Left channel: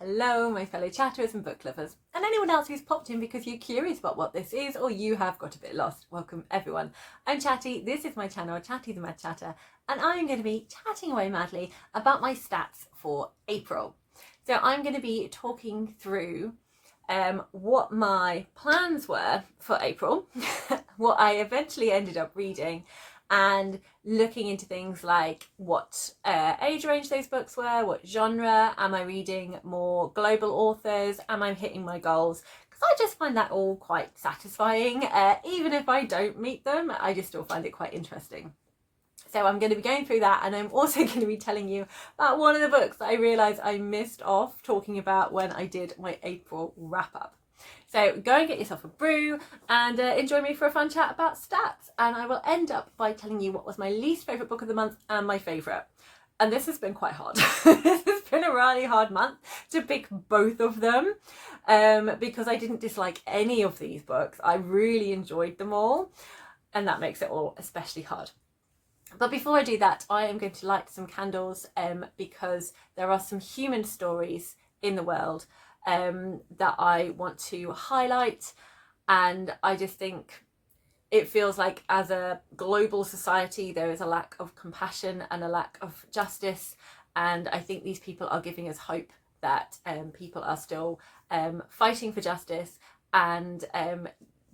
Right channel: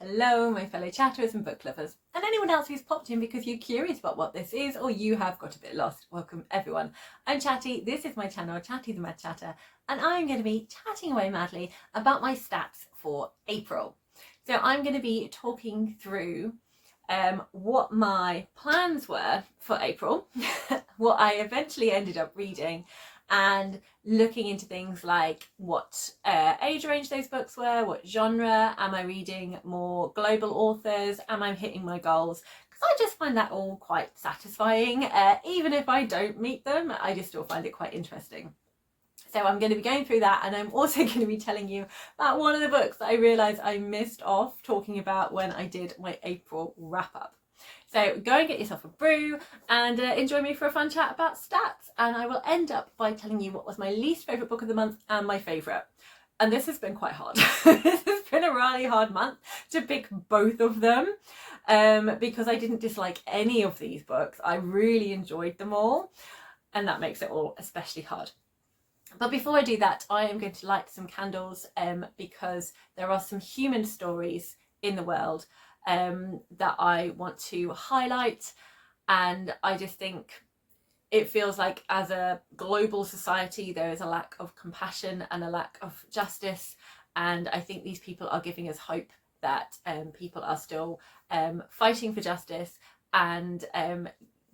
Hello, my fellow chatterers and book lovers, and anyone else who's popped in because you're curious about what this is or you have got a bit lost. Welcome everyone. I'm Chatty, this is my channel, Chatty the Mad Chatter, and I'm going to be chatting away madly about my stats for April. So I'm going to be talking through what my plans were for April, what I eventually ended up reading, and looking into things like what age range those books were, what genre, am I reading more global authors, am I hitting my goals? Because I just find that all quite satisfying. Even if I don't meet them, I just still find it quite interesting. So I'm going to be going through that, and I'm also going to be telling you about one of the books that I realised I missed off talking about when I did my April wrap up. So go and get yourself a brew and enjoy me for a fun chat about stats. And I will end up by telling you what was my least favourite book of the month and my favourite. And this has been quite hard. This has been a really hard month to pick both of them because I didn't dislike any of these books. I really enjoyed them all, and that makes it all especially hard. But before I do that, I am going to light some candles because there are some human stories in the world that I want to highlight, and I just think it feels like as a global society there is a lack of compassion and a lack of justice, and I think these people are giving us hope that people are still fighting for justice and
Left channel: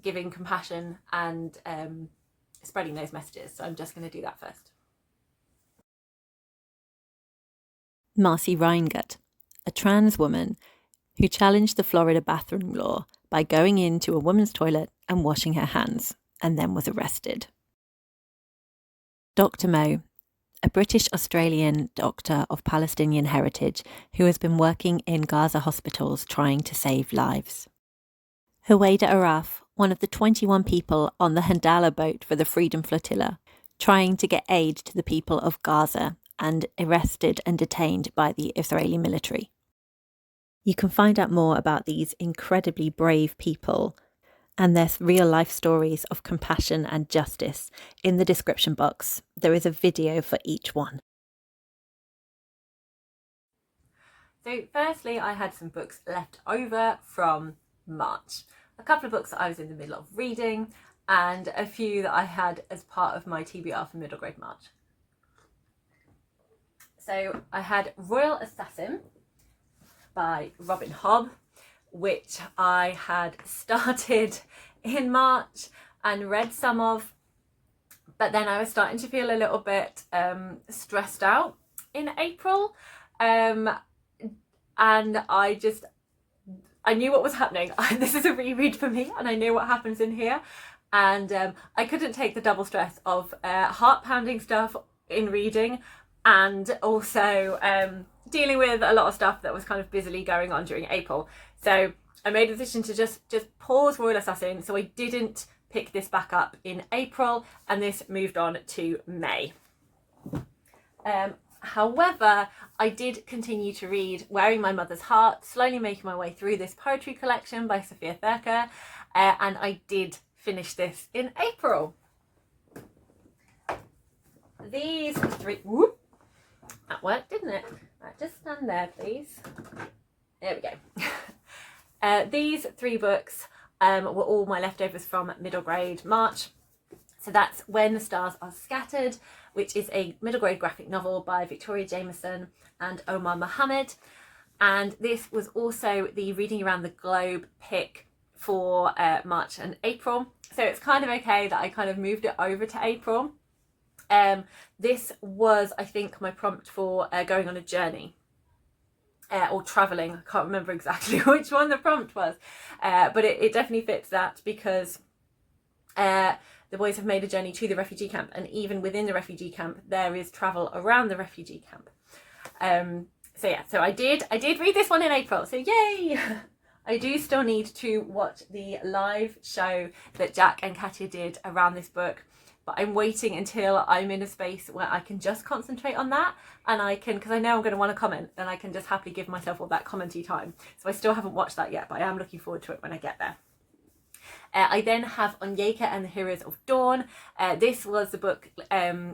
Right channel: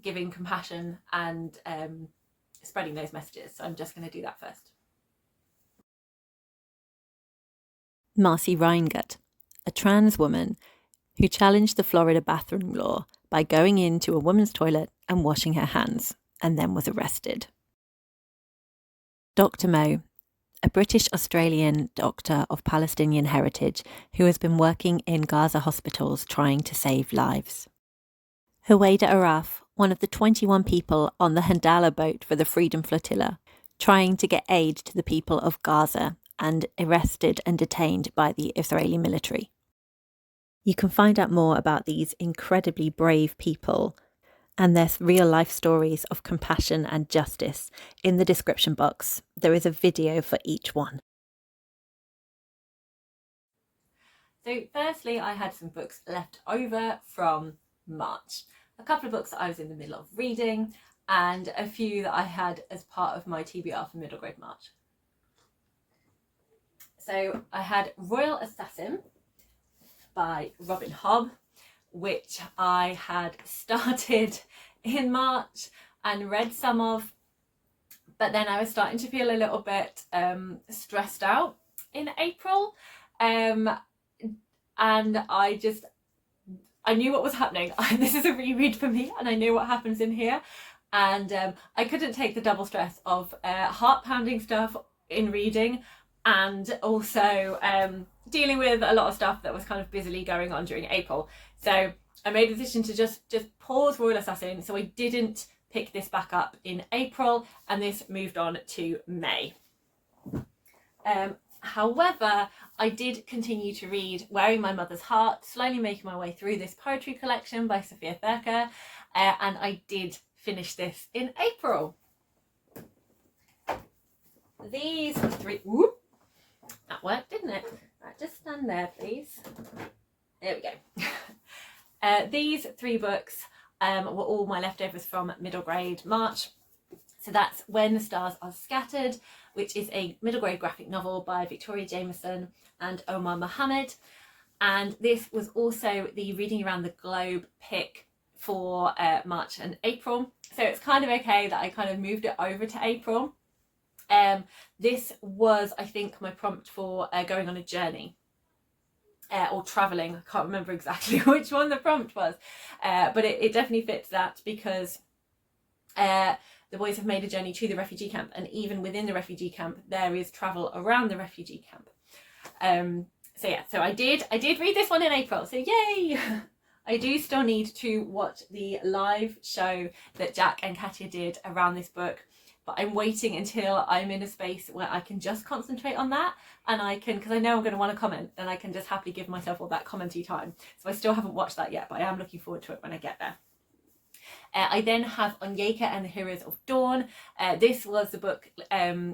giving compassion and spreading those messages. So I'm just going to do that first. Marcy Rheingate, a trans woman who challenged the Florida bathroom law by going into a woman's toilet and washing her hands, and then was arrested. Dr. Mo, a British-Australian doctor of Palestinian heritage who has been working in Gaza hospitals trying to save lives. Huwaida Arraf, one of the 21 people on the Handala boat for the Freedom Flotilla, trying to get aid to the people of Gaza and arrested and detained by the Israeli military. You can find out more about these incredibly brave people and their real-life stories of compassion and justice in the description box. There is a video for each one. So firstly, I had some books left over from March. A couple of books that I was in the middle of reading, and a few that I had as part of my TBR for middle grade March. So I had Royal Assassin by Robin Hobb, which I had started in March and read some of, but then I was starting to feel a little bit stressed out in April, and I knew what was happening. This is a reread for me, and I knew what happens in here, and I couldn't take the double stress of heart-pounding stuff in reading and also dealing with a lot of stuff that was kind of busily going on during April. So I made a decision to just pause Royal Assassin, so I didn't pick this back up in April, and this moved on to May. However, I did continue to read Wearing My Mother's Heart, slowly making my way through this poetry collection by Sophia Thaker, and I did finish this in April. These three... Whoop, that worked, didn't it? Right, just stand there, please. There we go. These three books were all my leftovers from middle grade March. So that's When the Stars Are Scattered, which is a middle grade graphic novel by Victoria Jameson and Omar Mohammed. And this was also the Reading Around the Globe pick for March and April. So it's kind of okay that I kind of moved it over to April. This was, I think, my prompt for going on a journey or travelling. I can't remember exactly which one the prompt was, but it definitely fits that because the boys have made a journey to the refugee camp, and even within the refugee camp there is travel around the refugee camp. So yeah, so I did read this one in April, so yay! I do still need to watch the live show that Jack and Katja did around this book, but I'm waiting until I'm in a space where I can just concentrate on that, and I can, because I know I'm going to want to comment, and I can just happily give myself all that commenty time. So I still haven't watched that yet, but I am looking forward to it when I get there. I then have Onyeka and the Heroes of Dawn. This was the book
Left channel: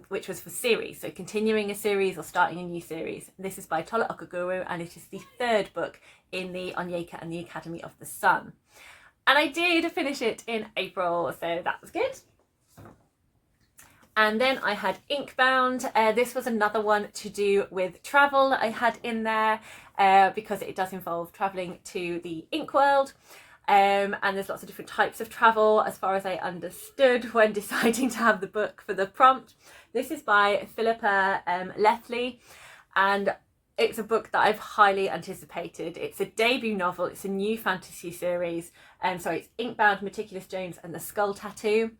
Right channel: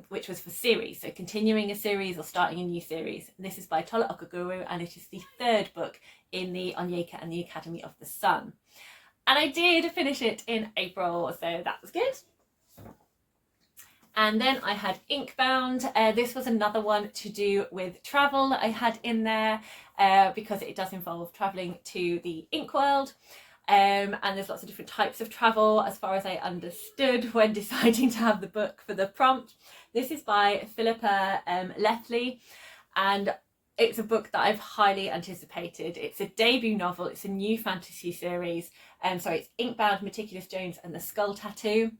which was for series, so continuing a series or starting a new series. This is by Tola Okaguru, and it is the third book in the Onyeka and the Academy of the Sun. And I did finish it in April, so that was good. And then I had Inkbound. This was another one to do with travel that I had in there because it does involve travelling to the ink world. And there's lots of different types of travel as far as I understood when deciding to have the book for the prompt. This is by Philippa Lethley, and it's a book that I've highly anticipated. It's a debut novel, it's a new fantasy series. It's Inkbound, Meticulous Jones and the Skull Tattoo.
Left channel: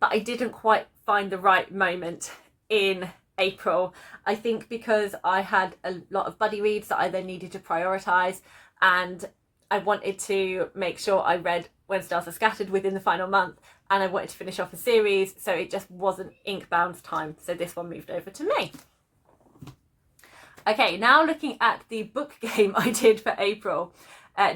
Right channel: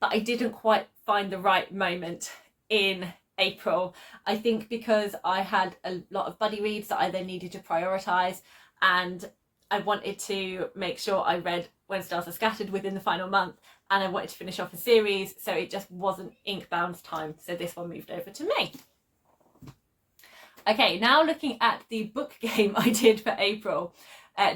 But I didn't quite find the right moment in April. I think because I had a lot of buddy reads that I then needed to prioritise, and I wanted to make sure I read When Stars Are Scattered within the final month, and I wanted to finish off a series, so it just wasn't Inkbound's time, so this one moved over to me. Okay, now looking at the book game I did for April.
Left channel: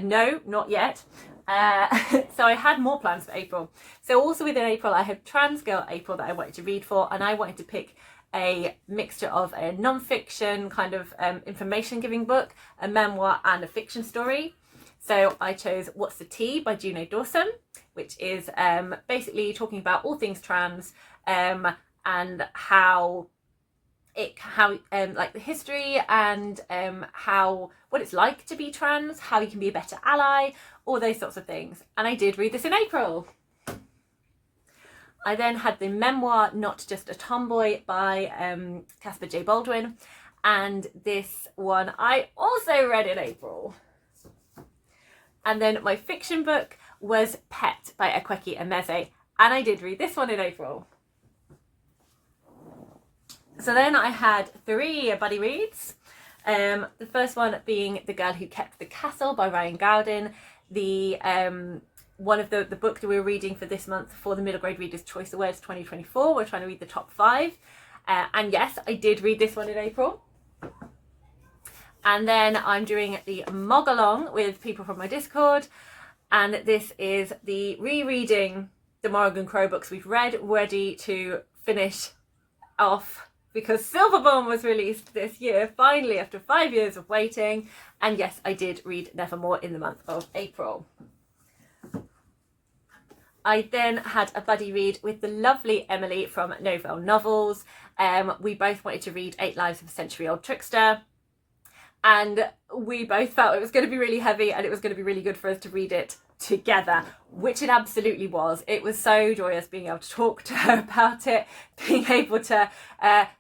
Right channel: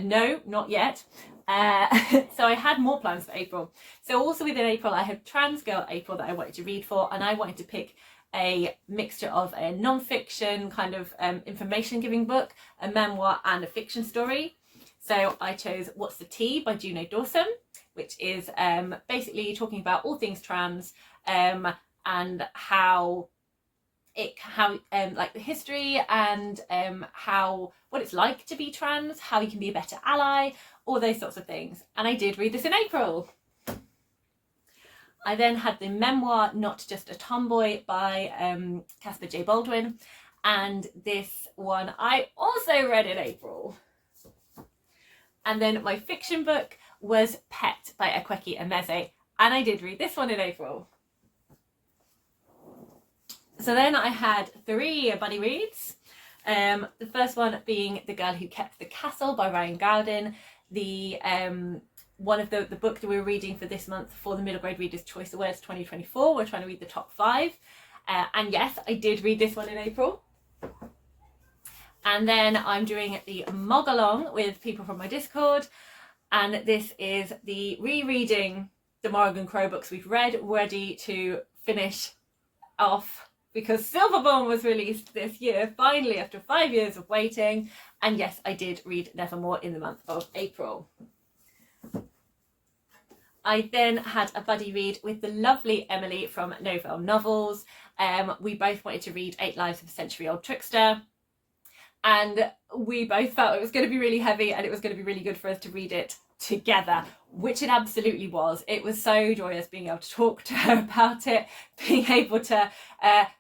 No, not yet. So I had more plans for April. So also within April, I had Transgirl April that I wanted to read for, and I wanted to pick a mixture of a non-fiction kind of information giving book, a memoir and a fiction story. So I chose What's the Tea by Juno Dawson, which is basically talking about all things trans and how like the history and what it's like to be trans, how you can be a better ally, all those sorts of things. And I did read this in April. I then had the memoir Not Just a Tomboy by Caspar J. Baldwin, and this one I also read in April. And then my fiction book was Pet by Akweki Emeze, and I did read this one in April. So then I had 3 buddy reads. The first one being The Girl Who Kept the Castle by Ryan Gowden. The one of the book that we were reading for this month for the Middle Grade Readers' Choice Awards 2024. We're trying to read the top 5. And yes, I did read this one in April. And then I'm doing the Mog Along with people from my Discord. And this is the rereading the Morrigan Crow books we've read, ready to finish off, because Silverborn was released this year, finally, after 5 years of waiting. And yes, I did read Nevermore in the month of April. I then had a buddy read with the lovely Emily from Novell Novels. We both wanted to read 8 Lives of a Century-Old Trickster. And we both felt it was going to be really heavy and it was going to be really good for us to read it together, which it absolutely was. It was so joyous being able to talk to her about it, being able to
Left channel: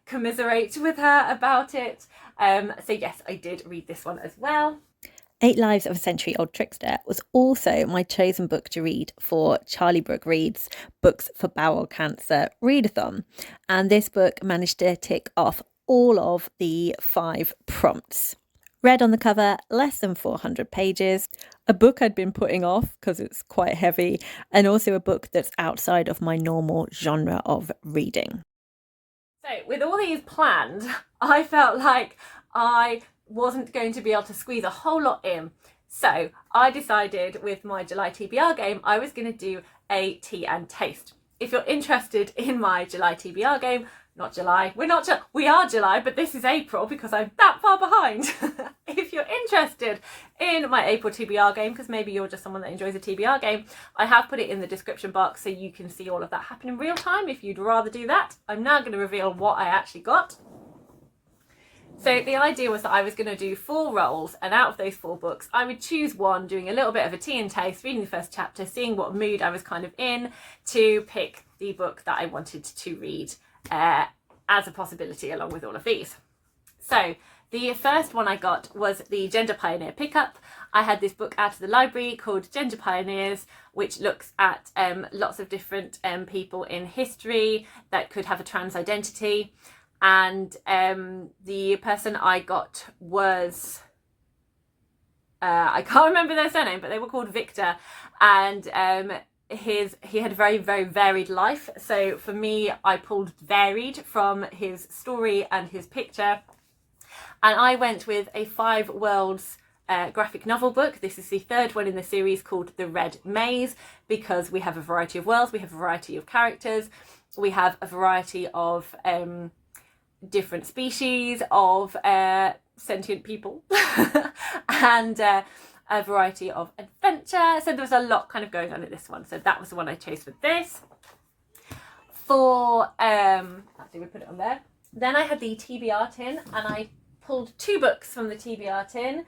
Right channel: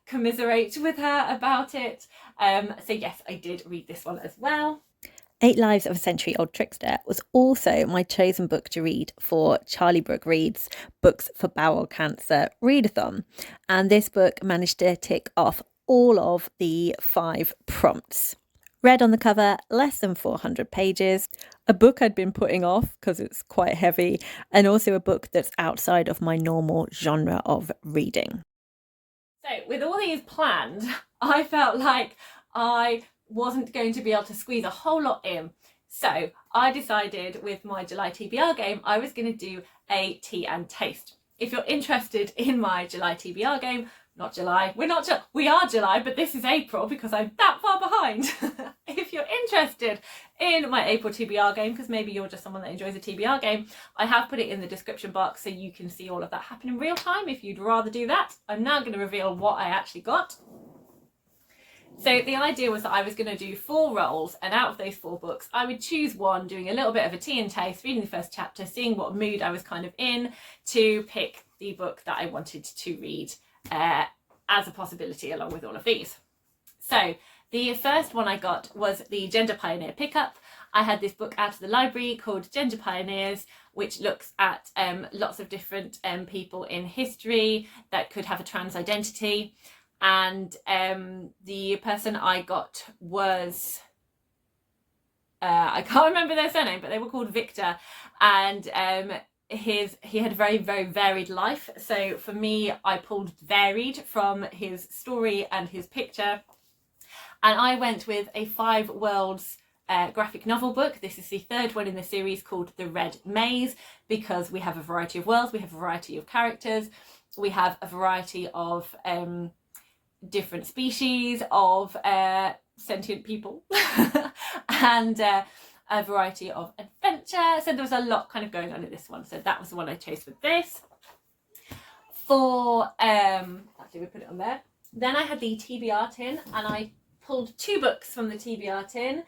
commiserate with her about it. So yes, I did read this one as well. 8 Lives of a Century-Old Trickster was also my chosen book to read for Charlie Brooke Reed's Books for Bowel Cancer Readathon. And this book managed to tick off all of the 5 prompts. Red on the cover, less than 400 pages, a book I'd been putting off because it's quite heavy, and also a book that's outside of my normal genre of reading. So with all these planned, I felt like I wasn't going to be able to squeeze a whole lot in. So I decided with my July TBR game, I was going to do a tea and taste. If you're interested in my July TBR game, not July, we are July, but this is April because I'm that far behind. If you're interested in my April TBR game, because maybe you're just someone that enjoys a TBR game, I have put it in the description box so you can see all of that happen in real time if you'd rather do that. I'm now going to reveal what I actually got. So the idea was that I was going to do 4 roles, and out of those 4 books, I would choose one, doing a little bit of a tea and taste, reading the first chapter, seeing what mood I was kind of in, to pick the book that I wanted to read as a possibility along with all of these. So the first one I got was the Gender Pioneer Pickup. I had this book out of the library called Gender Pioneers, which looks at lots of different people in history that could have a trans identity. And the person I got was, I can't remember their surname, but they were called Victor. And he had a very, very varied life. So for me, I pulled varied from his story and his picture. And I went with a 5 worlds graphic novel book. This is the third one in the series called The Red Maze, because we have a variety of worlds, we have a variety of characters, we have a variety of different species of sentient people and a variety of adventure. So there was a lot kind of going on in this one. So that was the one I chose for this. For actually we put it on there. Then I had the TBR tin, and I pulled 2 books from the TBR tin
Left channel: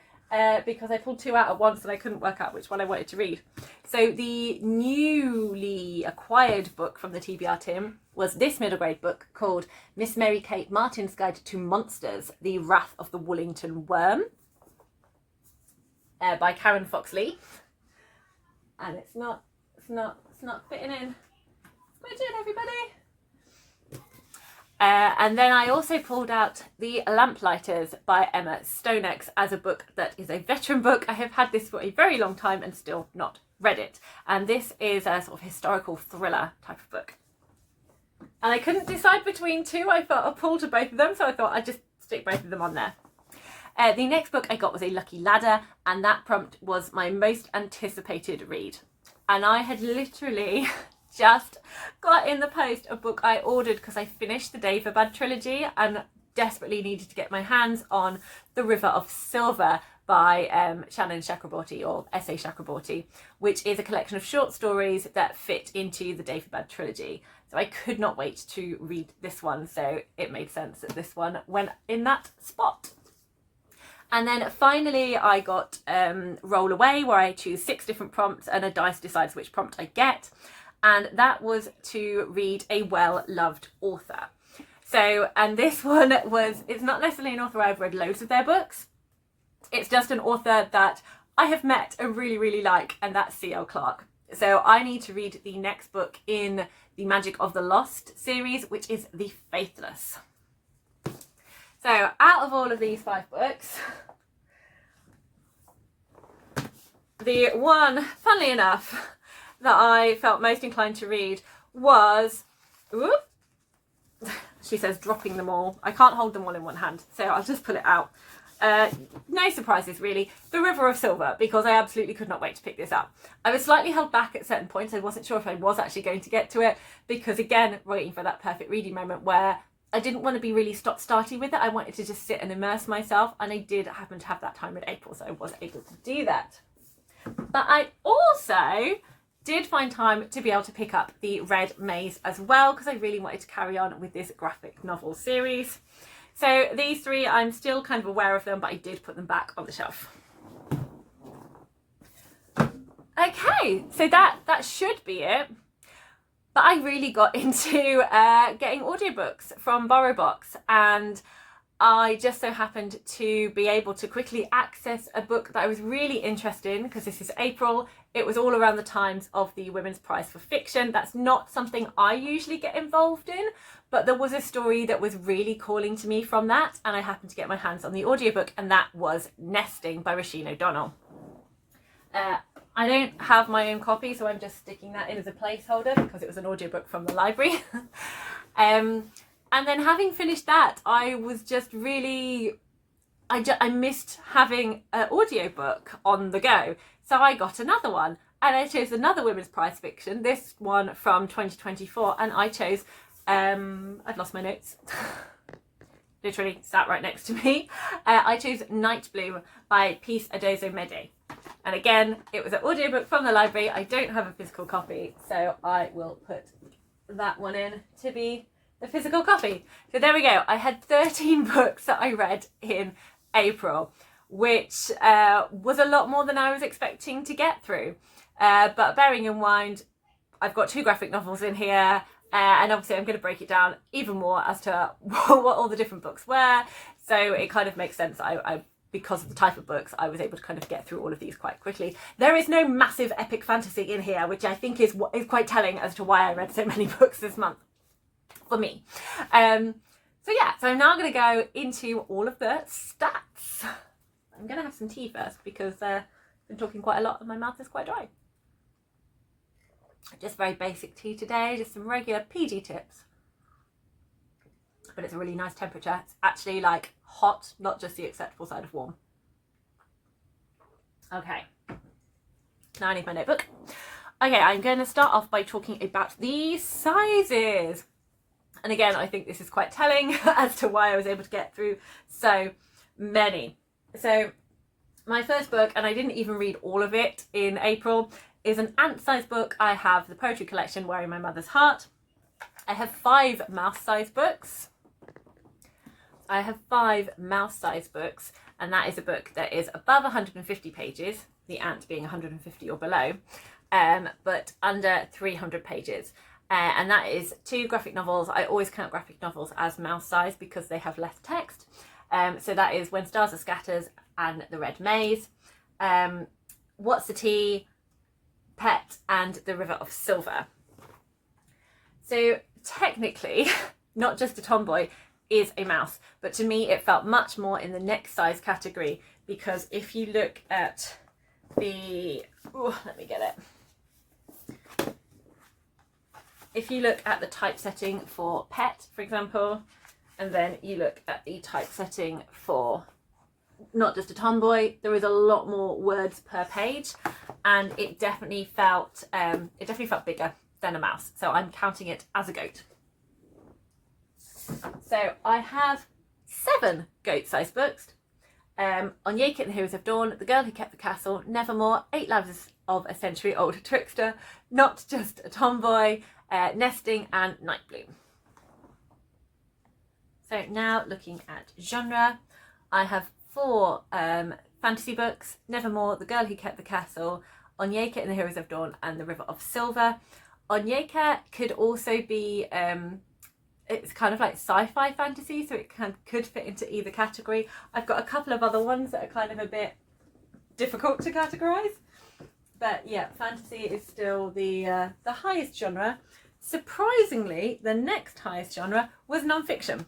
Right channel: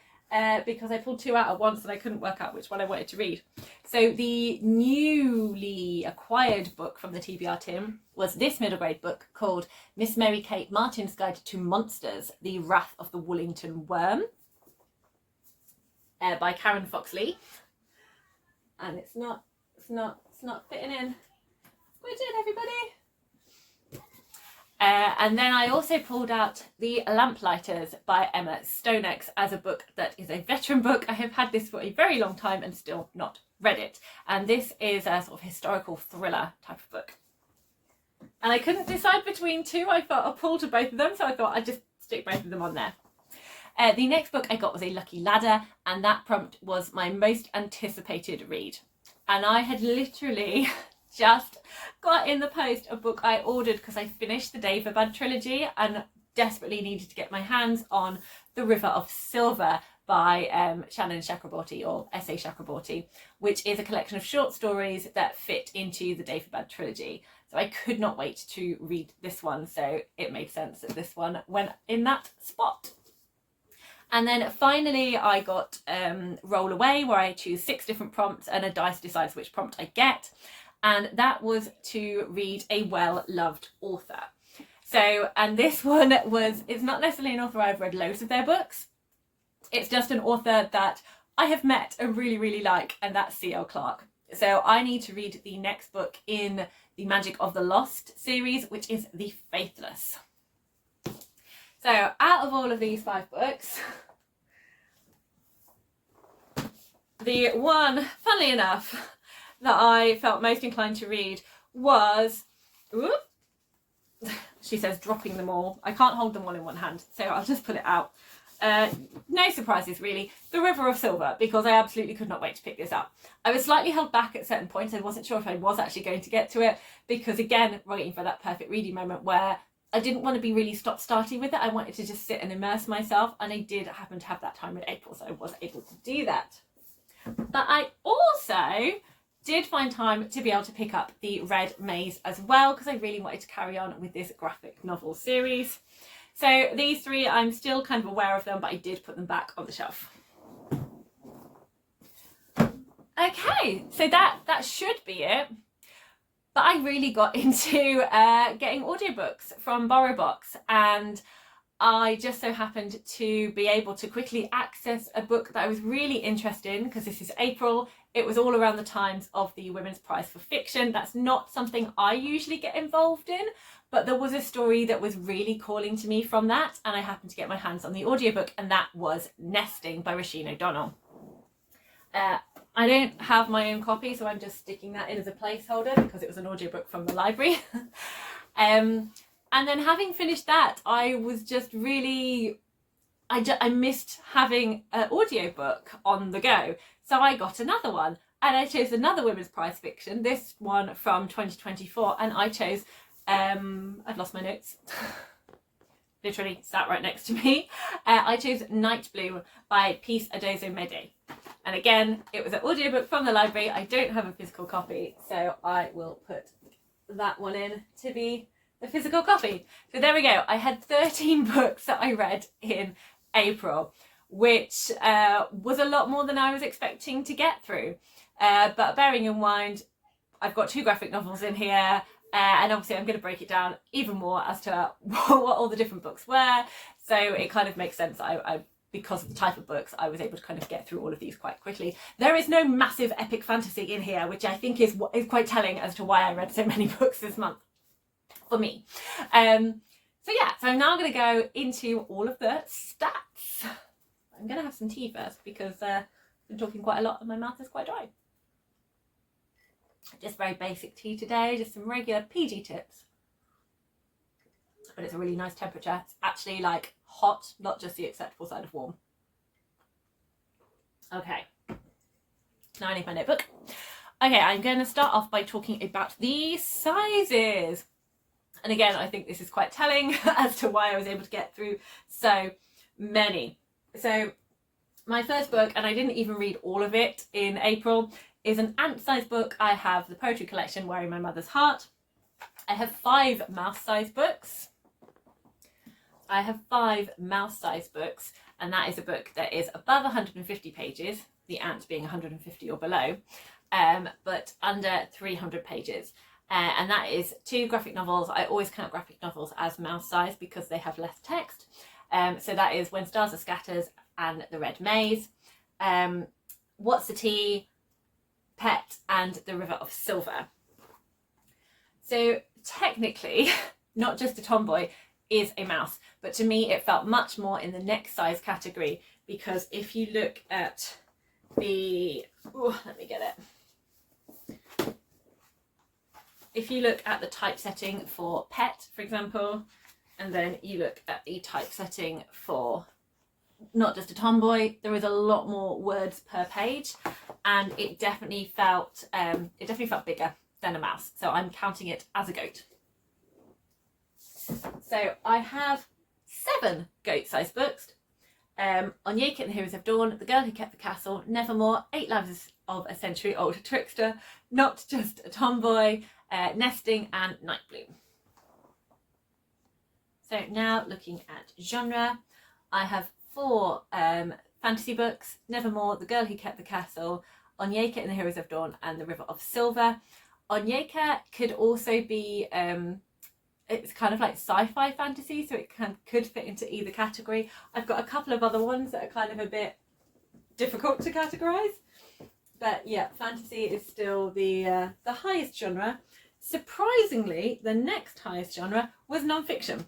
because I pulled 2 out at once and I couldn't work out which one I wanted to read. So the newly acquired book from the TBR tin was this middle grade book called Miss Mary Kate Martin's Guide to Monsters, The Wrath of the Woolington Worm, by Karen Foxley. And it's not fitting in. Squidge in, everybody. And then I also pulled out The Lamplighters by Emma Stonex as a book that is a veteran book. I have had this for a very long time and still not read it. And this is a sort of historical thriller type of book. And I couldn't decide between 2. I felt a pull to both of them, so I thought I'd just stick both of them on there. The next book I got was A Lucky Ladder, and that prompt was my most anticipated read. And I had literally just got in the post a book I ordered because I finished the Daevabad trilogy and desperately needed to get my hands on The River of Silver by Shannon Chakraborty, or S.A. Chakraborty, which is a collection of short stories that fit into the Daevabad trilogy. So I could not wait to read this one, so it made sense that this one went in that spot. And then finally I got Roll Away, where I choose 6 different prompts and a dice decides which prompt I get. And that was to read a well-loved author. So, and this one it's not necessarily an author I've read loads of their books. It's just an author that I have met and really, really like, and that's C.L. Clarke. So I need to read the next book in the Magic of the Lost series, which is The Faithless. So out of all of these 5 books, the one, funnily enough, that I felt most inclined to read was, whoop, she says dropping them all. I can't hold them all in one hand, so I'll just pull it out. No surprises really. The River of Silver, because I absolutely could not wait to pick this up. I was slightly held back at certain points. I wasn't sure if I was actually going to get to it, because again, waiting for that perfect reading moment where I didn't want to be really stop-starty with it. I wanted to just sit and immerse myself, and I did happen to have that time in April, so I was able to do that. But I also did find time to be able to pick up The Red Maze as well, because I really wanted to carry on with this graphic novel series. So these 3, I'm still kind of aware of them, but I did put them back on the shelf. Okay, so that should be it. But I really got into getting audiobooks from BorrowBox, and I just so happened to be able to quickly access a book that I was really interested in, because this is April. It was all around the times of the Women's Prize for Fiction. That's not something I usually get involved in, but there was a story that was really calling to me from that, and I happened to get my hands on the audiobook, and that was Nesting by Roisin O'Donnell. I don't have my own copy, so I'm just sticking that in as a placeholder because it was an audiobook from the library. And then having finished that, I was just really, I missed having an audiobook on the go. So I got another one, and I chose another Women's Prize fiction, this one from 2024, and I chose, I've lost my notes, literally sat right next to me. I chose Night Bloom by Peace Adozo-Mede. And again, it was an audiobook from the library. I don't have a physical copy, so I will put that one in to be the physical copy. So there we go. I had 13 books that I read in April, which was a lot more than I was expecting to get through. But bearing in mind, I've got 2 graphic novels in here, and obviously I'm going to break it down even more as to what all the different books were. So it kind of makes sense. I because of the type of books, I was able to kind of get through all of these quite quickly. There is no massive epic fantasy in here, which I think is quite telling as to why I read so many books this month, for me. So yeah, so I'm now going to go into all of the stats. I'm going to have some tea first because I've been talking quite a lot and my mouth is quite dry. Just very basic tea today, just some regular PG tips. But it's a really nice temperature. It's actually like hot, not just the acceptable side of warm. Okay, now I need my notebook. Okay, I'm going to start off by talking about the sizes. And again, I think this is quite telling as to why I was able to get through so many. So my first book, and I didn't even read all of it in April, is an ant-sized book. I have the poetry collection Wearing My Mother's Heart. I have 5 mouse-sized books. I have 5 mouse-sized books, and that is a book that is above 150 pages, the ant being 150 or below, but under 300 pages. And that is 2 graphic novels. I always count graphic novels as mouse-sized because they have less text. So that is When Stars Are Scattered and The Red Maze, What's the Tea, Pet, and The River of Silver. So technically, Not Just a Tomboy is a mouse, but to me it felt much more in the next size category, because if you look at the, let me get it. If you look at the typesetting for Pet, for example, and then you look at the typesetting for Not Just a Tomboy, there is a lot more words per page, and it definitely felt bigger than a mouse. So I'm counting it as a goat. So I have 7 goat-sized books. On Yake and the Heroes of Dawn, The Girl Who Kept the Castle, Nevermore, 8 Lives of a Century-Old Trickster, Not Just a Tomboy, Nesting, and Nightbloom. So now looking at genre, I have 4 fantasy books: Nevermore, The Girl Who Kept the Castle, Onyeka and the Heroes of Dawn, and The River of Silver. Onyeka could also be, it's kind of like sci-fi fantasy, so it could fit into either category. I've got a couple of other ones that are kind of a bit difficult to categorise. But yeah, fantasy is still the highest genre. Surprisingly, the next highest genre was non-fiction.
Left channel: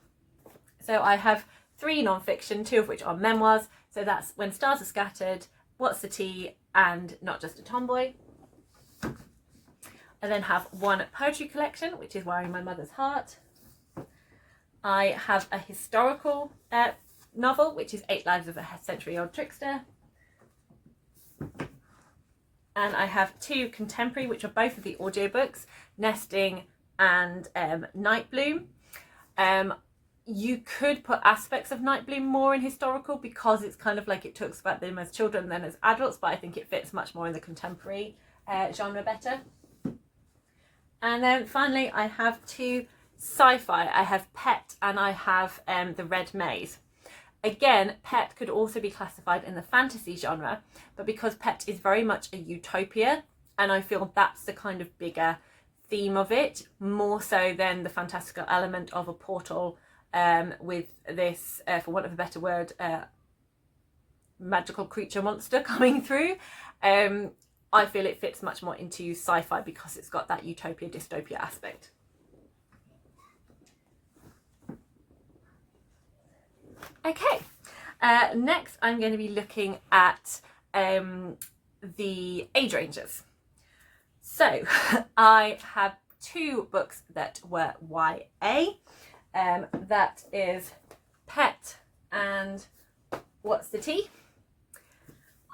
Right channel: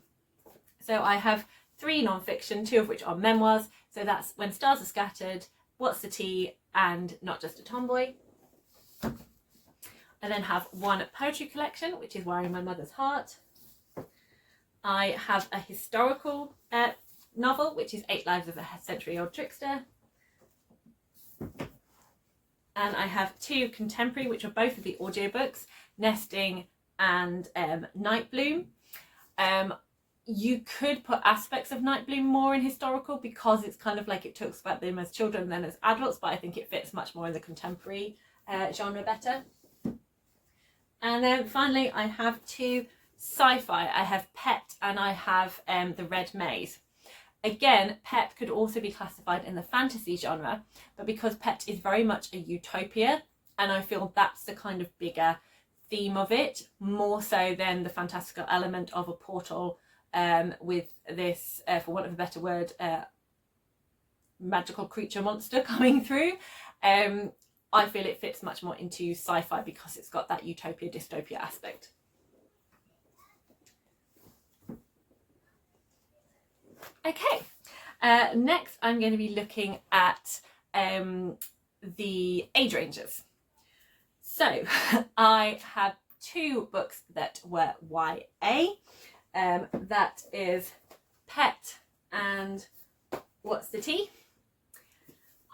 So I have 3 non-fiction, 2 of which are memoirs. So that's When Stars Are Scattered, What's the Tea, and Not Just a Tomboy. I then have 1 poetry collection, which is Wearing My Mother's Heart. I have a historical novel, which is 8 Lives of a Century-Old Trickster. And I have 2 contemporary, which are both of the audiobooks, Nesting and Nightbloom. You could put aspects of Nightbloom more in historical, because it's kind of like it talks about them as children then as adults, but I think it fits much more in the contemporary genre better. And then finally I have 2 sci-fi. I have Pet and I have The Red Maze. Again, Pet could also be classified in the fantasy genre, but because Pet is very much a utopia, and I feel that's the kind of bigger theme of it, more so than the fantastical element of a portal with this, for want of a better word, magical creature monster coming through. I feel it fits much more into sci-fi because it's got that utopia dystopia aspect. Okay, next I'm going to be looking at the age ranges. So I have 2 books that were YA. That is Pet and What's the Tea.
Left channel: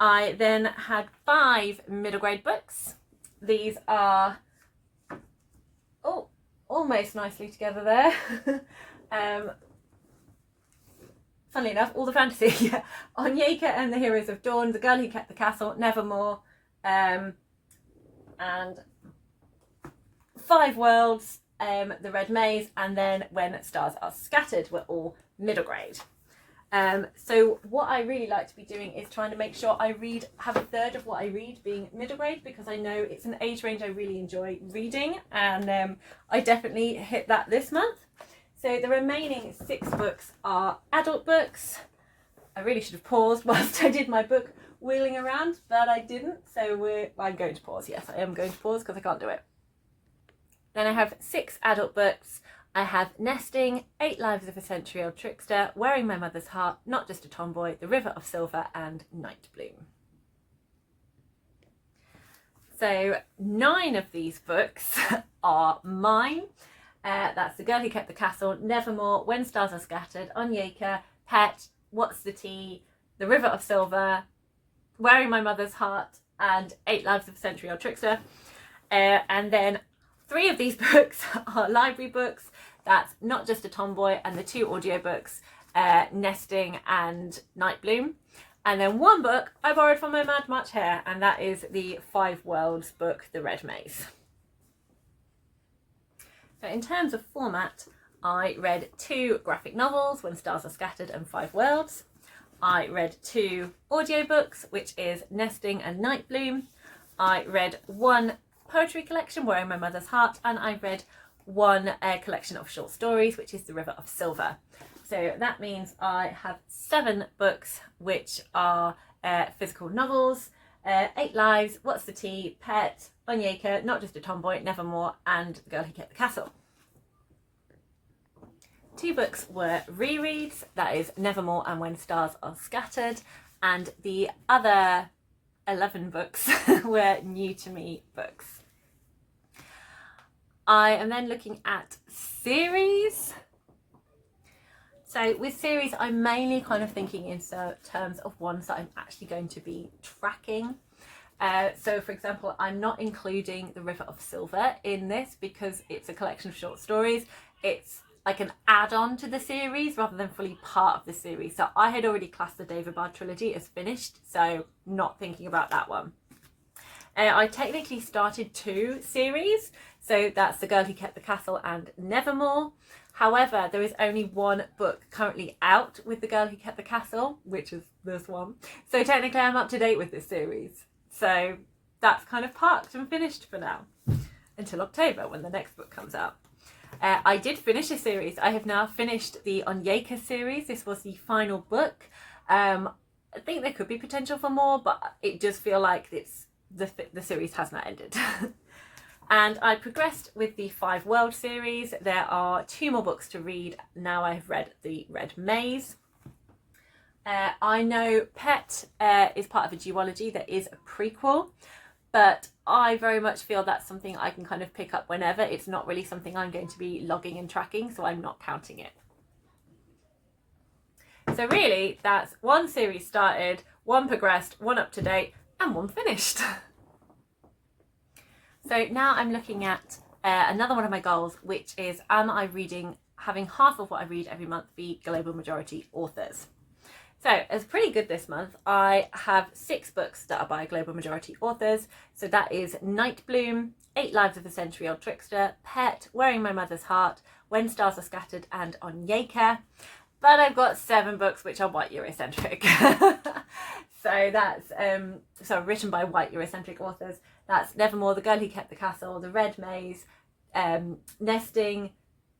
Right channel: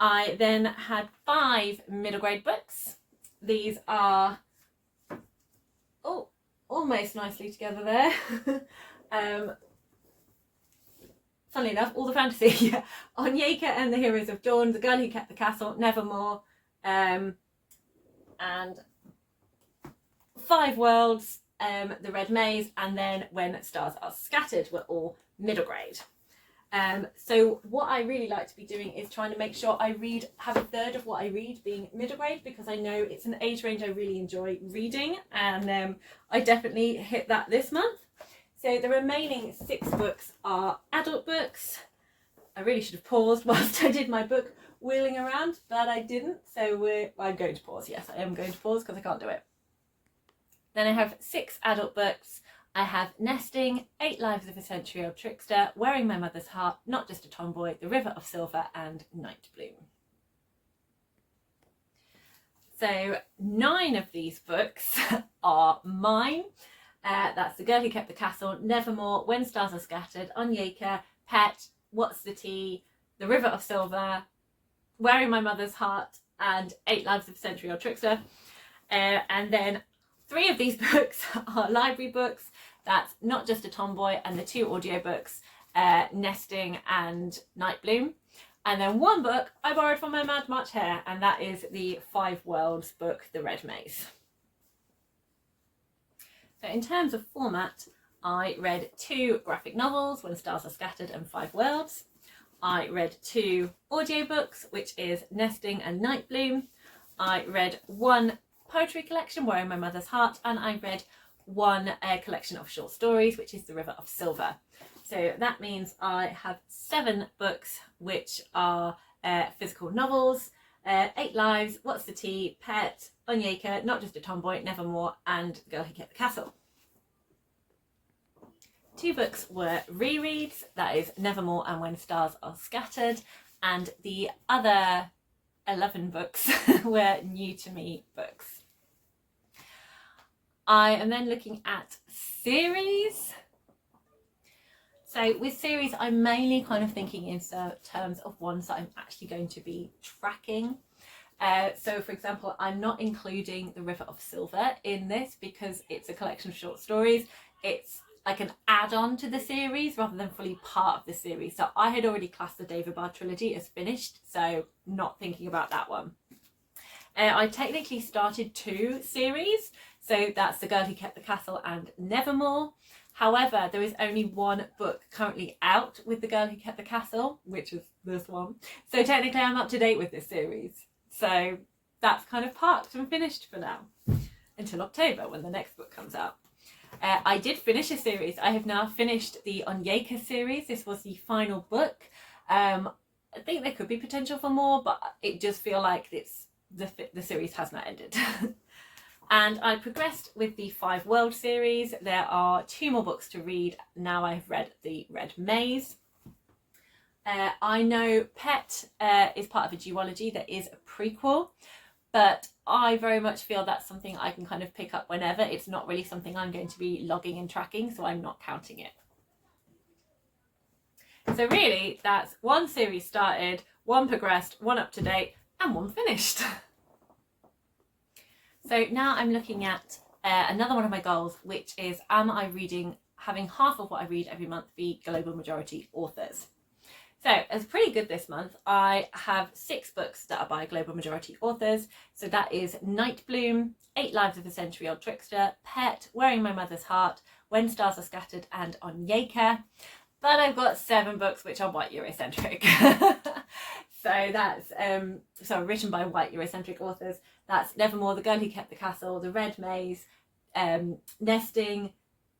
I then had 5 middle grade books. These are almost nicely together there. Funnily enough, all the fantasy. Onyeka and the Heroes of Dawn, The Girl Who Kept the Castle, Nevermore, and 5 Worlds, The Red Maze, and then When Stars Are Scattered were all middle grade. So what I really like to be doing is trying to make sure I have a third of what I read being middle grade, because I know it's an age range I really enjoy reading, and I definitely hit that this month. So the remaining 6 books are adult books. I really should have paused whilst I did my book wheeling around, but I didn't, so I'm going to pause. Yes, I am going to pause because I can't do it. Then I have 6 adult books. I have Nesting, 8 Lives of a Century-Old Trickster, Wearing My Mother's Heart, Not Just a Tomboy, The River of Silver, and Nightbloom. So 9 of these books are mine. That's The Girl Who Kept the Castle, Nevermore, When Stars Are Scattered, Onyeka, Pet, What's the Tea, The River of Silver, Wearing My Mother's Heart and 8 Lives of a Century-Old Trickster. And then 3 of these books are library books. That's Not Just a Tomboy, and the 2 audiobooks, Nesting and Night Bloom. And then 1 book I borrowed from my Mad Much Hair, and that is the 5 Worlds book, The Red Maze. So in terms of format, I read 2 graphic novels, When Stars Are Scattered and 5 Worlds. I read 2 audiobooks, which is Nesting and Night Bloom. I read 1 poetry collection, Wearing My Mother's Heart, and I read 1 collection of short stories, which is The River of Silver. So that means I have 7 books, which are physical novels, 8 Lives, What's the Tea, Pet, Onyeka, Not Just a Tomboy, Nevermore, and The Girl Who Kept the Castle. 2 books were rereads, that is Nevermore and When Stars Are Scattered, and the other 11 books were new to me books. I am then looking at series. So with series, I'm mainly kind of thinking in terms of ones that I'm actually going to be tracking. So for example, I'm not including The River of Silver in this because it's a collection of short stories. It's like an add-on to the series rather than fully part of the series. So I had already classed the David Bard trilogy as finished, so not thinking about that one. I technically started 2 series, so that's The Girl Who Kept the Castle and Nevermore. However, there is only 1 book currently out with The Girl Who Kept the Castle, which is this one. So technically I'm up to date with this series. So that's kind of parked and finished for now, until October when the next book comes out. I did finish a series. I have now finished the Onyeka series. This was the final book. I think there could be potential for more, but it does feel like the series has not ended. And I progressed with the 5 World series. There are 2 more books to read. Now I've read The Red Maze. I know Pet is part of a duology that is a prequel, but I very much feel that's something I can kind of pick up whenever. It's not really something I'm going to be logging and tracking, so I'm not counting it. So really, that's 1 series started, 1 progressed, 1 up to date, and 1 finished. So now I'm looking at another one of my goals, which is, am I having half of what I read every month be global majority authors? So it's pretty good this month. I have 6 books that are by global majority authors. So that is Night Bloom, 8 Lives of a Century-Old Trickster, Pet, Wearing My Mother's Heart, When Stars Are Scattered, and Onyeka. But I've got 7 books which are white Eurocentric. So that's written by white Eurocentric authors. That's Nevermore, The Girl Who Kept the Castle, The Red Maze, Nesting,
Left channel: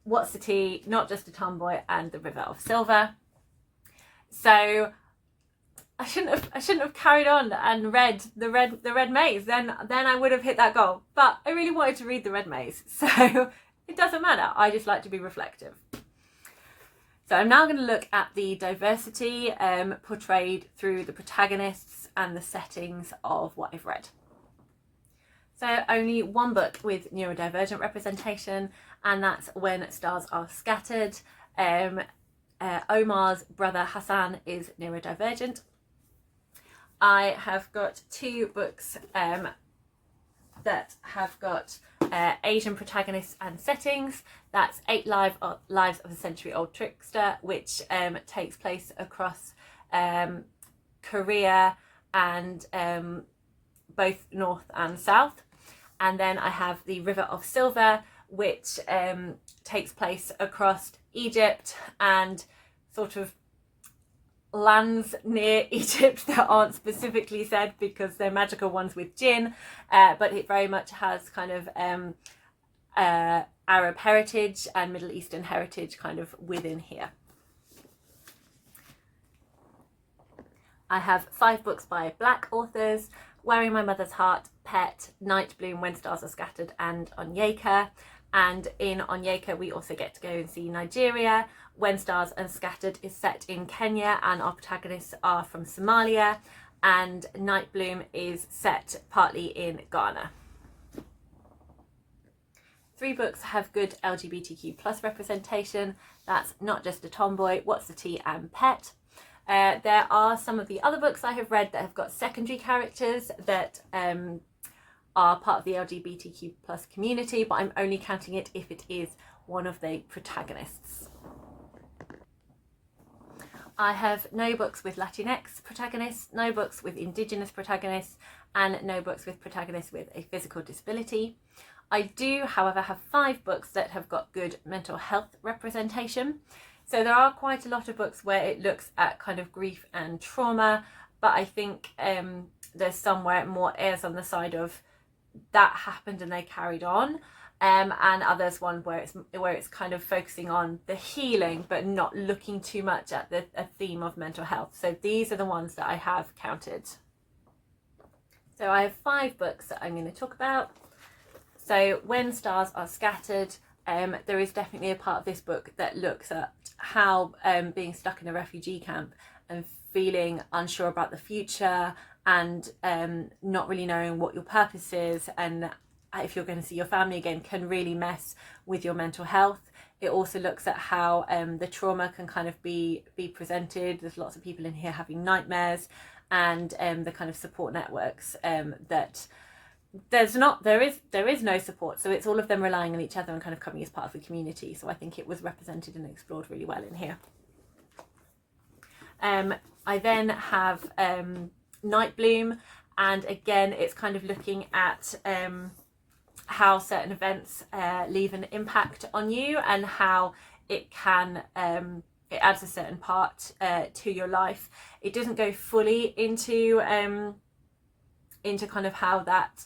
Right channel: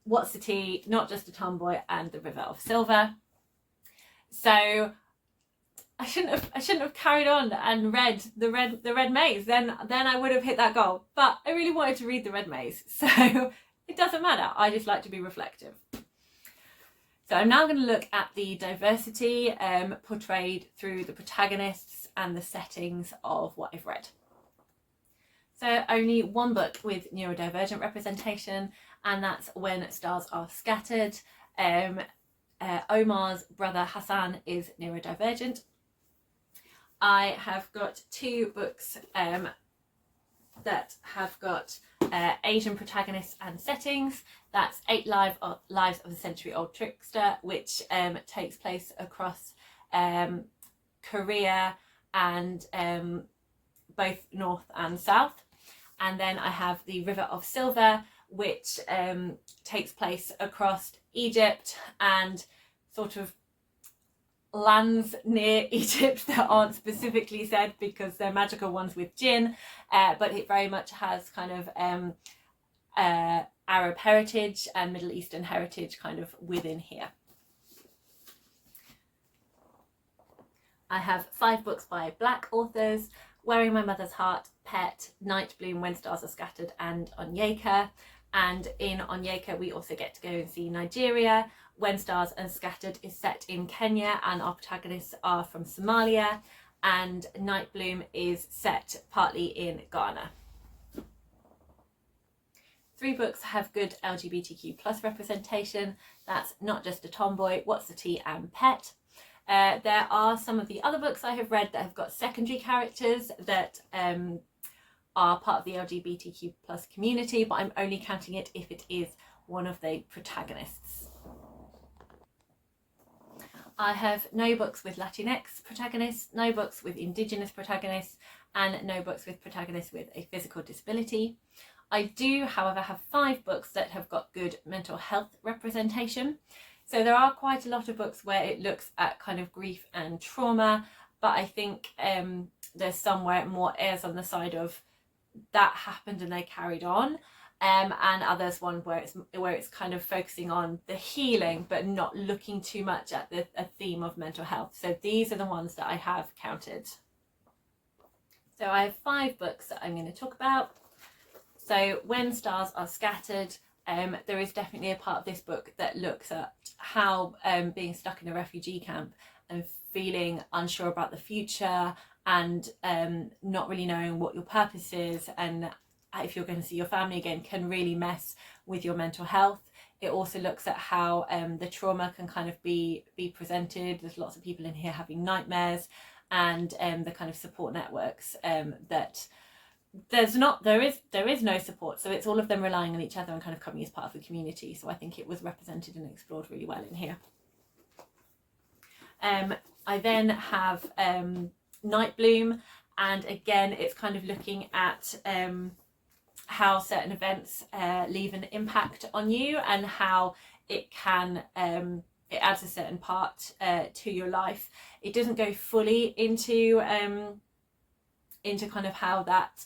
What's the Tea, Not Just a Tomboy, and The River of Silver. So I shouldn't have carried on and read the Red Maze. Then I would have hit that goal. But I really wanted to read The Red Maze, so it doesn't matter. I just like to be reflective. So I'm now going to look at the diversity portrayed through the protagonists and the settings of what I've read. So only 1 book with neurodivergent representation, and that's When Stars Are Scattered. Omar's brother Hassan is neurodivergent. I have got 2 books that have got Asian protagonists and settings. That's 8 Lives of a Century-Old Trickster, which takes place across Korea and both North and South. And then I have The River of Silver, which takes place across Egypt and sort of lands near Egypt that aren't specifically said because they're magical ones with jinn, but it very much has kind of Arab heritage and Middle Eastern heritage kind of within here. I have 5 books by Black authors: Wearing My Mother's Heart, Pet, Night Bloom, When Stars Are Scattered, and Onyeka. And in Onyeka we also get to go and see Nigeria. When Stars Are Scattered is set in Kenya and our protagonists are from Somalia, and Night Bloom is set partly in Ghana. 3 books have good LGBTQ+ representation. That's Not Just a Tomboy, What's the Tea, and Pet. There are some of the other books I have read that have got secondary characters that are part of the LGBTQ plus community, but I'm only counting it if it is one of the protagonists. I have no books with Latinx protagonists, no books with Indigenous protagonists, and no books with protagonists with a physical disability. I do, however, have 5 books that have got good mental health representation. So there are quite a lot of books where it looks at kind of grief and trauma, but I think there's somewhere more errs on the side of that happened and they carried on. And others one where it's kind of focusing on the healing but not looking too much at a theme of mental health. So these are the ones that I have counted. So I have 5 books that I'm going to talk about. So When Stars Are Scattered, there is definitely a part of this book that looks at how being stuck in a refugee camp and feeling unsure about the future and not really knowing what your purpose is and if you're going to see your family again can really mess with your mental health. It also looks at how the trauma can kind of be presented. There's lots of people in here having nightmares, and the kind of support networks that there is no support. So it's all of them relying on each other and kind of coming as part of a community. So I think it was represented and explored really well in here. I then have Night Bloom, and again it's kind of looking at how certain events leave an impact on you and how it can it adds a certain part to your life. It doesn't go fully into kind of how that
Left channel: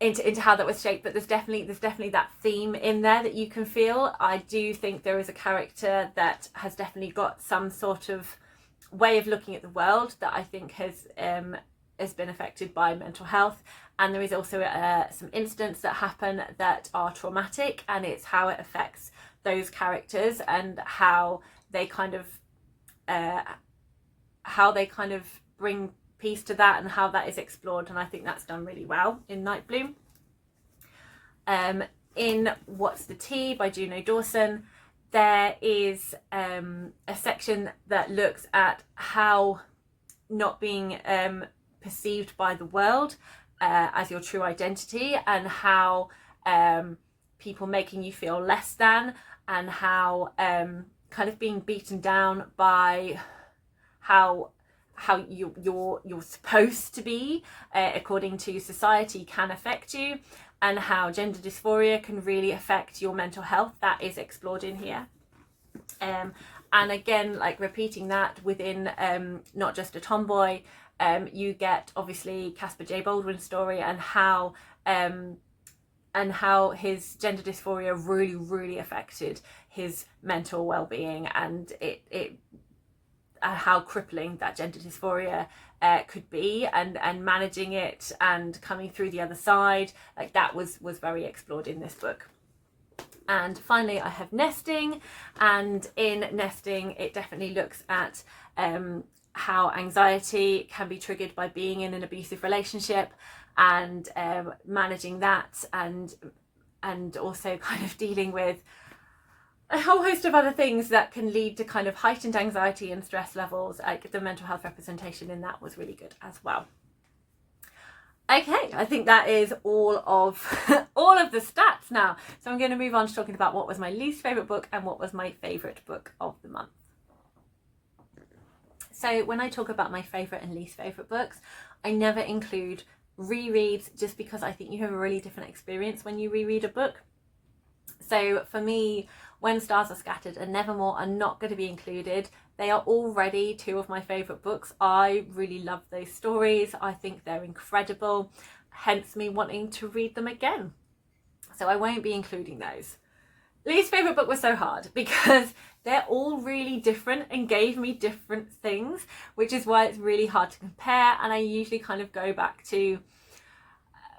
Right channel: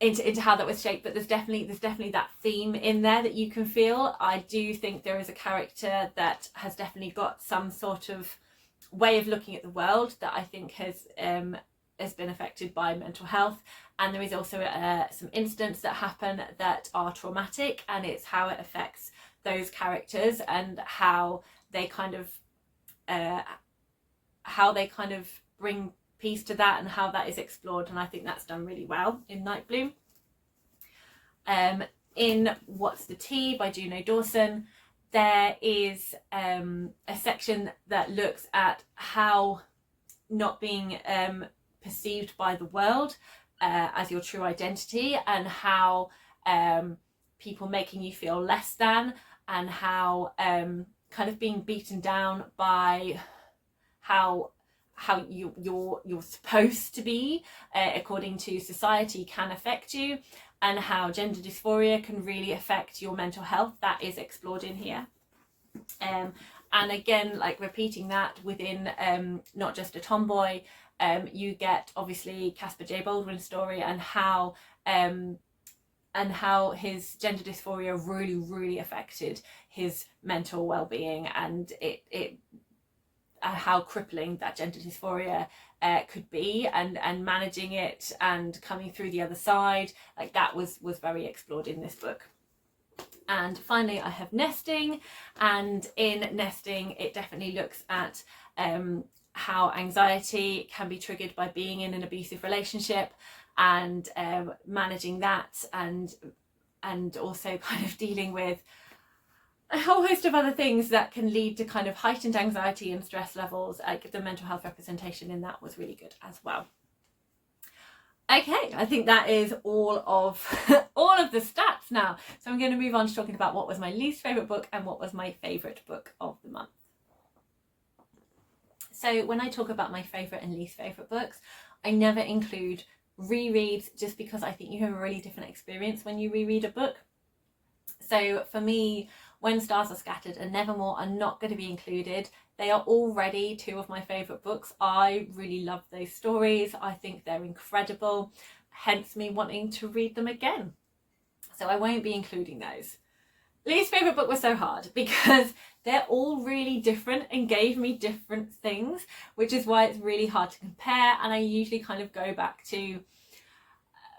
into how that was shaped, but there's definitely that theme in there that you can feel. I do think there is a character that has definitely got some sort of way of looking at the world that I think has been affected by mental health, and there is also some incidents that happen that are traumatic, and it's how it affects those characters and how they kind of bring peace to that and how that is explored, and I think that's done really well in Night Bloom. In What's the Tea by Juno Dawson, there is a section that looks at how not being perceived by the world as your true identity, and how people making you feel less than, and how kind of being beaten down by how you're supposed to be according to society can affect you, and how gender dysphoria can really affect your mental health. That is explored in here. And again, like repeating that within not just a tomboy, you get obviously Caspar J. Baldwin's story and how his gender dysphoria really affected his mental well-being, and it how crippling that gender dysphoria could be, and managing it and coming through the other side. Like that was very explored in this book. And finally I have Nesting, and in Nesting it definitely looks at how anxiety can be triggered by being in an abusive relationship, and managing that, and also kind of dealing with a whole host of other things that can lead to kind of heightened anxiety and stress levels. Like the mental health representation in that was really good as well. Okay, I think that is all of the stats now. So I'm going to move on to talking about what was my least favourite book and what was my favourite book of the month. So when I talk about my favourite and least favourite books, I never include rereads, just because I think you have a really different experience when you reread a book. So for me, When Stars Are Scattered and Nevermore are not going to be included. They are already 2 of my favourite books. I really love those stories. I think they're incredible, hence me wanting to read them again. So I won't be including those. Least favourite book was so hard because they're all really different and gave me different things, which is why it's really hard to compare. And I usually kind of go back to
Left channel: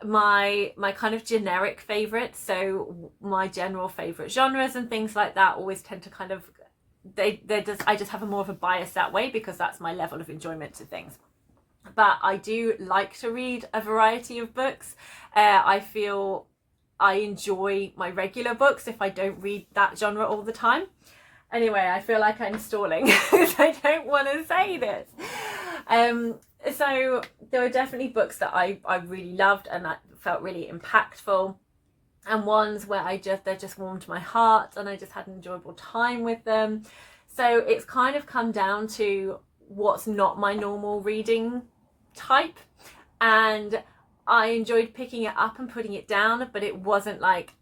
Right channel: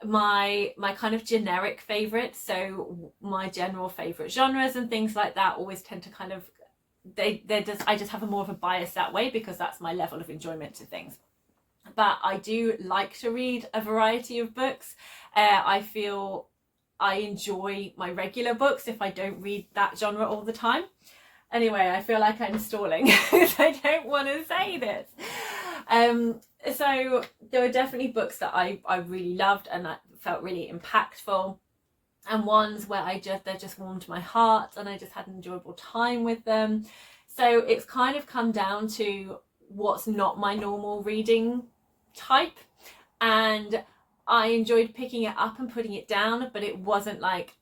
my kind of generic favourites. So my general favourite genres and things like that always tend to kind of, I just have a more of a bias that way, because that's my level of enjoyment to things. But I do like to read a variety of books. I feel I enjoy my regular books if I don't read that genre all the time. Anyway, I feel like I'm stalling because I don't want to say this. So there were definitely books that I really loved and that felt really impactful, and ones where they just warmed my heart and I just had an enjoyable time with them. So it's kind of come down to what's not my normal reading type, and I enjoyed picking it up and putting it down, but it wasn't like,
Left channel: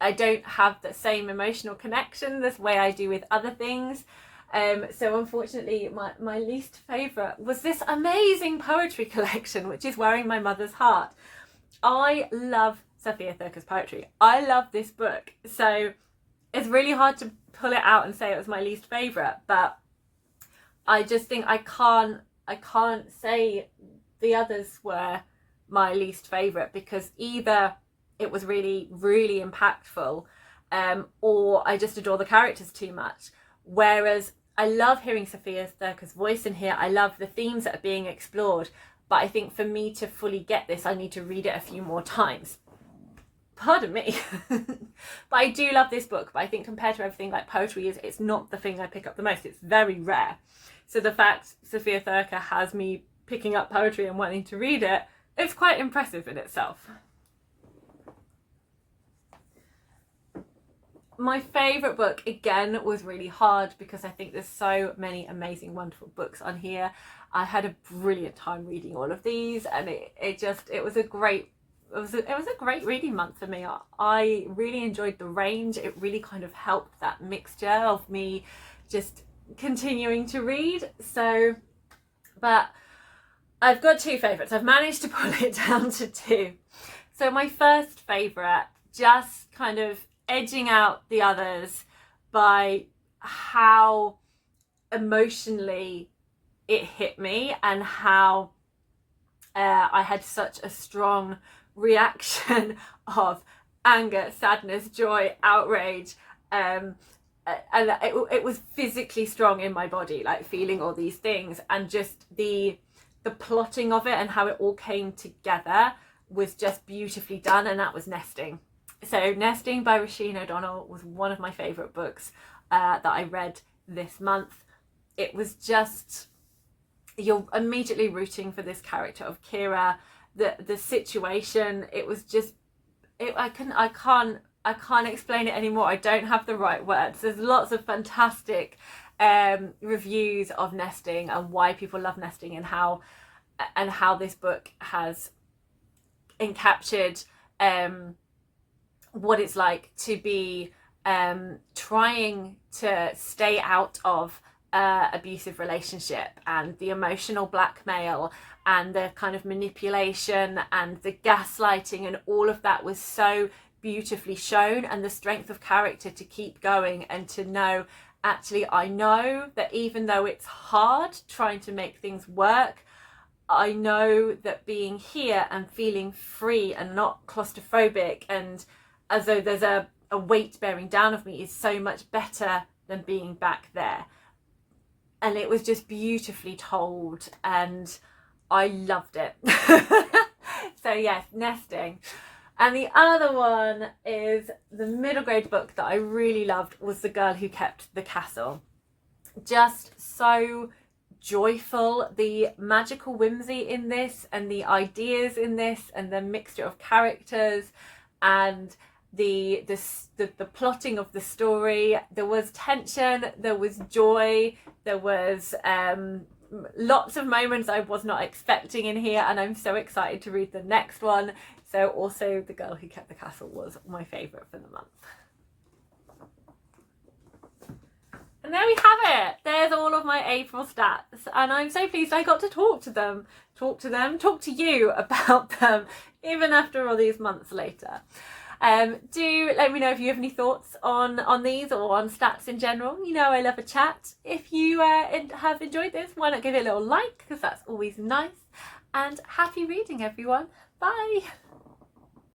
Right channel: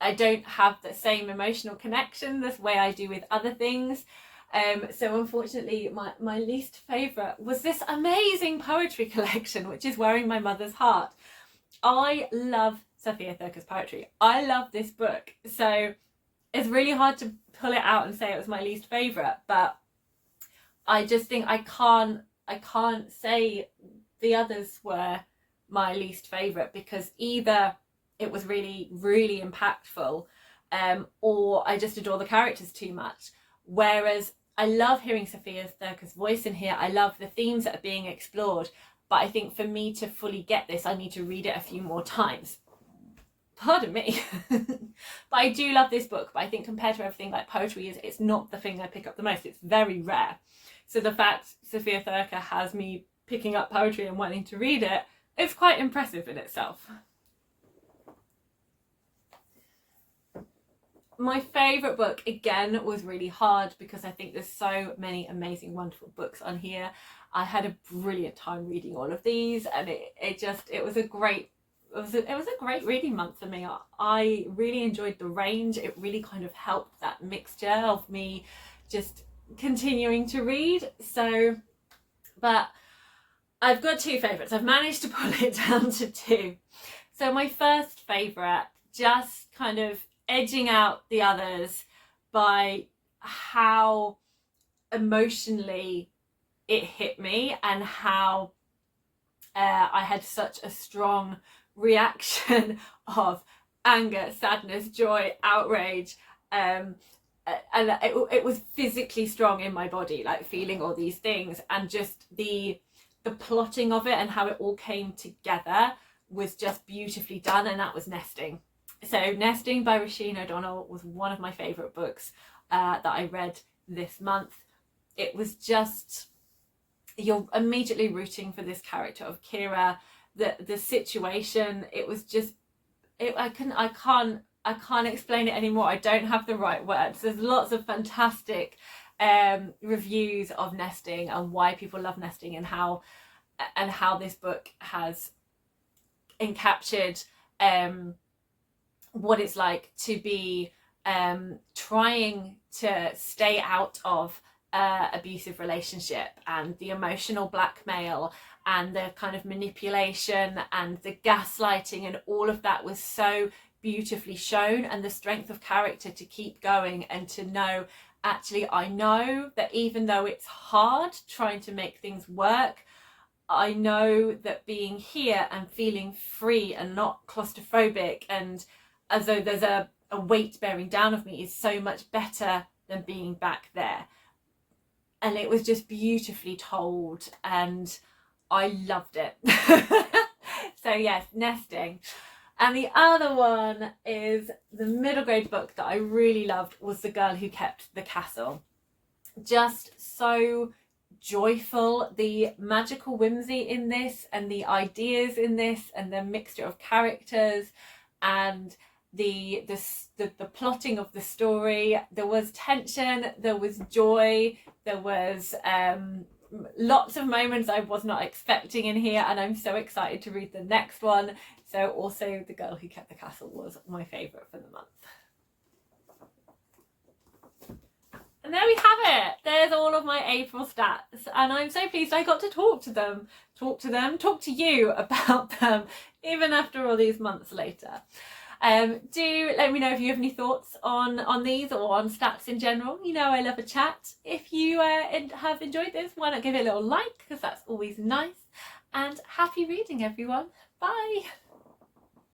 I don't have the same emotional connection this way I do with other things. So unfortunately my least favourite was this amazing poetry collection, which is Wearing My Mother's Heart. I love Sofia Thurker's poetry. I love this book, so it's really hard to pull it out and say it was my least favourite, but I just think I can't say the others were my least favourite, because either it was really, really impactful, or I just adore the characters too much. Whereas I love hearing Sofia Thurker's voice in here. I love the themes that are being explored, but I think for me to fully get this, I need to read it a few more times. Pardon me. But I do love this book, but I think compared to everything, like poetry it's not the thing I pick up the most. It's very rare. So the fact Sofia Thurker has me picking up poetry and wanting to read it, it's quite impressive in itself. My favourite book, again, was really hard because I think there's so many amazing, wonderful books on here. I had a brilliant time reading all of these, and it was a great reading month for me. I really enjoyed the range. It really kind of helped that mixture of me just continuing to read. So, but I've got two favourites. I've managed to pull it down to two. So my first favourite, just kind of edging out the others by how emotionally it hit me and how I had such a strong reaction of anger, sadness, joy, outrage, and it was physically strong in my body, like feeling all these things, and just the plotting of it and how it all came together was just beautifully done, and that was Nesting. So Nesting by Roisin O'Donnell was one of my favourite books that I read this month. It was just, you're immediately rooting for this character of Kira, the situation. It was just, I can't explain it anymore. I don't have the right words. There's lots of fantastic reviews of Nesting and why people love Nesting, and how this book has encaptured what it's like to be trying to stay out of abusive relationship, and the emotional blackmail and the kind of manipulation and the gaslighting, and all of that was so beautifully shown, and the strength of character to keep going and to know, actually, I know that even though it's hard trying to make things work, I know that being here and feeling free and not claustrophobic and as though there's a weight bearing down of me is so much better than being back there. And it was just beautifully told, and I loved it. So yes, Nesting. And the other one is the middle grade book that I really loved, was The Girl Who Kept the Castle. Just so joyful, the magical whimsy in this, and the ideas in this, and the mixture of characters, and the plotting of the story. There was tension, there was joy, there was lots of moments I was not expecting in here, and I'm so excited to read the next one. So also The Girl Who Kept the Castle was my favourite for the month. And there we have it. There's all of my April stats, and I'm so pleased I got to talk to you about them, even after all these months later. Do let me know if you have any thoughts on these or on stats in general. You know I love a chat. If you have enjoyed this, why not give it a little like, because that's always nice. And happy reading, everyone. Bye.